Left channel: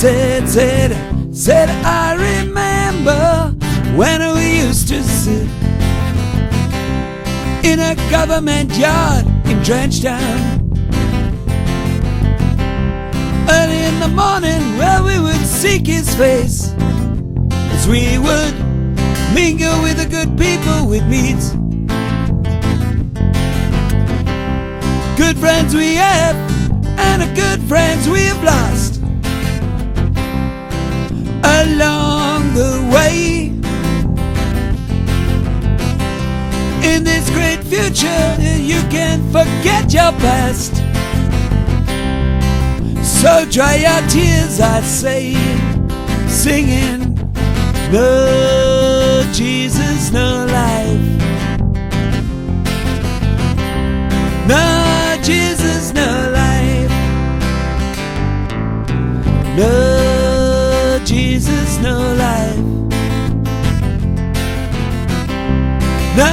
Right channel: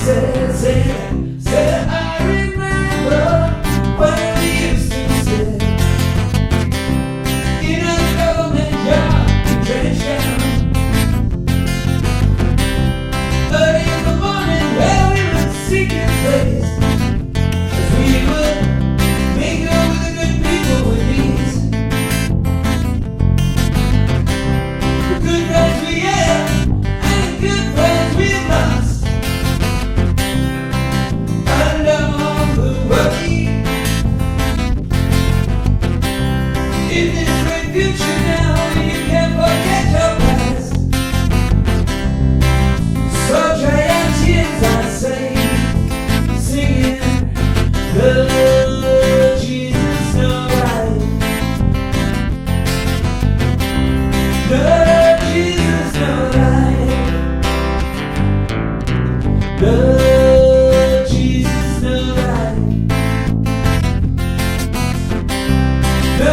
Said, I remember when we used to sit in a government yard in Trench Town. Early in the morning, well, we would seek his face, as we would mingle with the good people we meet. Good friends we have, and the good friends we've lost along the way. In this great future, you can't forget your past. So dry your tears, I say, singing, no Jesus, no life. No Jesus, no life. No Jesus, no life. No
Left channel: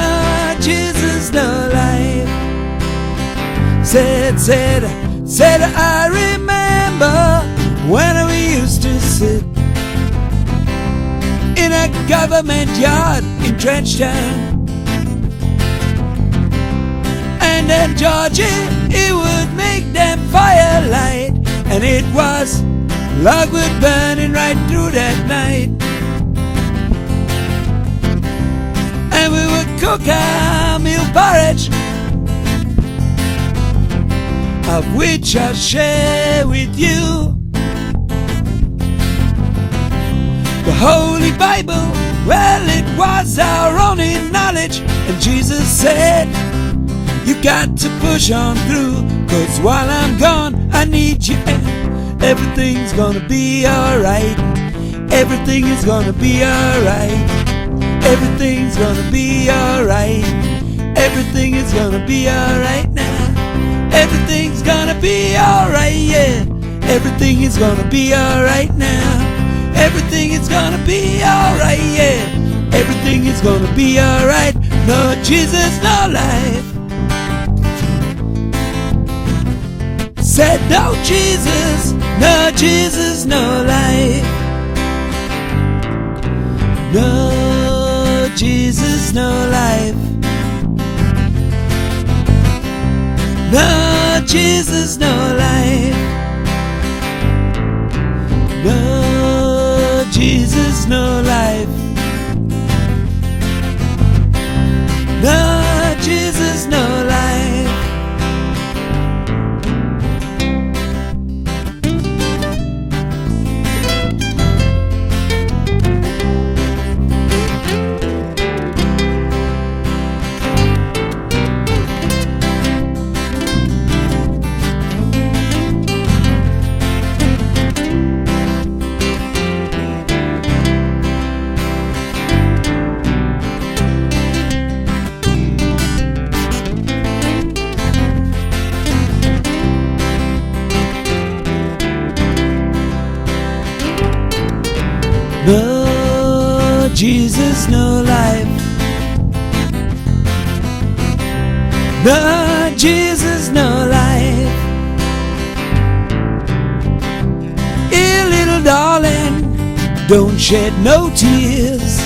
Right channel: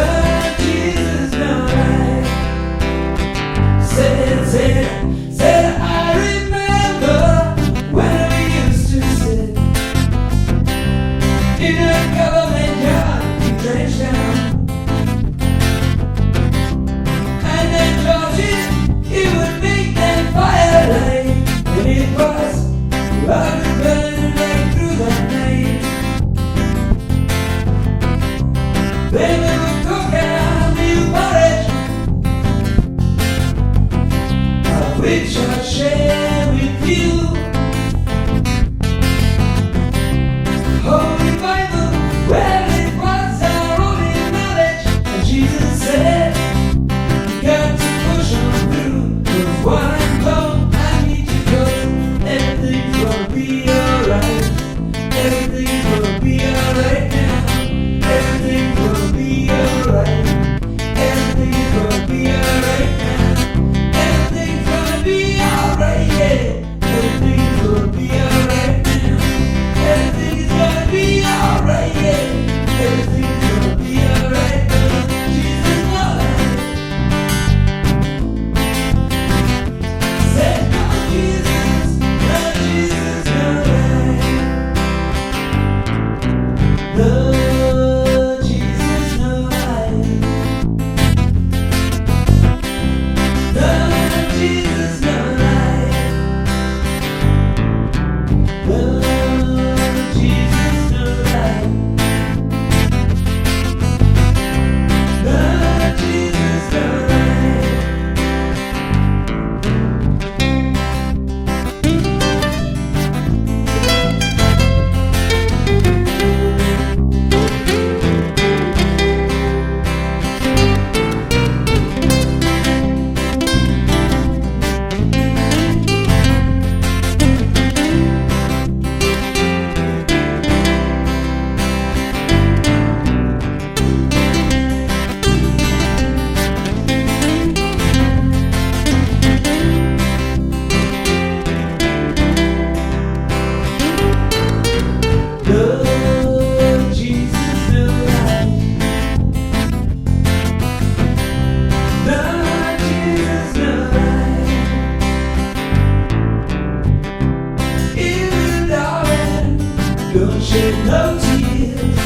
Jesus, no life. Said I remember when we used to sit in a government yard in Trench Town. And then Georgie, he would make that firelight, and it was logwood burning right through that night. And we would cook our meal porridge, of which I'll share with you. The Holy Bible, well, it was our only knowledge. And Jesus said, you got to push on through, 'cause while I'm gone, I need you. Everything's gonna be alright. Everything is gonna be alright. Everything's gonna be alright. Everything is gonna be alright now. Everything's gonna be alright, yeah. Everything is gonna be alright now. Everything is gonna be alright, yeah. Everything is gonna be alright. No Jesus, no life. Said no Jesus, no Jesus, no life. No Jesus, no life. No Jesus, no life. No Jesus, no life. No Jesus, no life. No Jesus, no life. No Jesus, no life. Hey, little darling, don't shed no tears.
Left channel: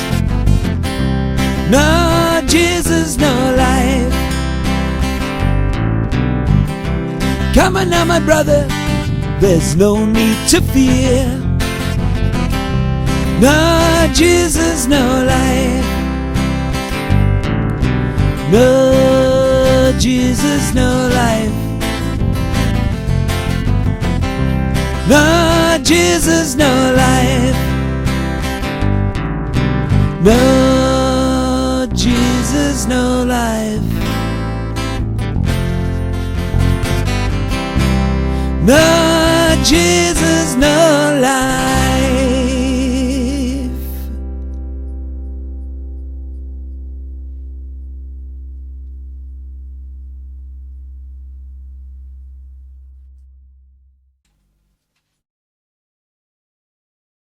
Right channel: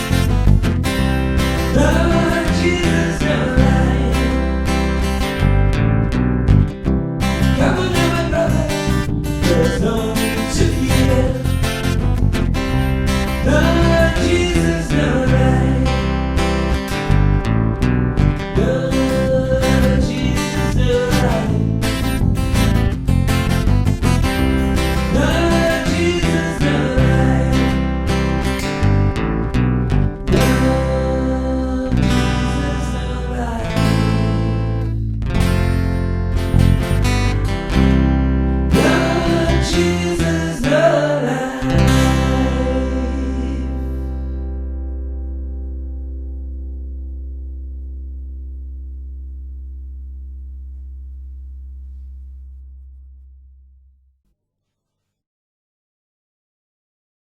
No Jesus, no life. Come on now, my brother, there's no need to fear. No Jesus, no life.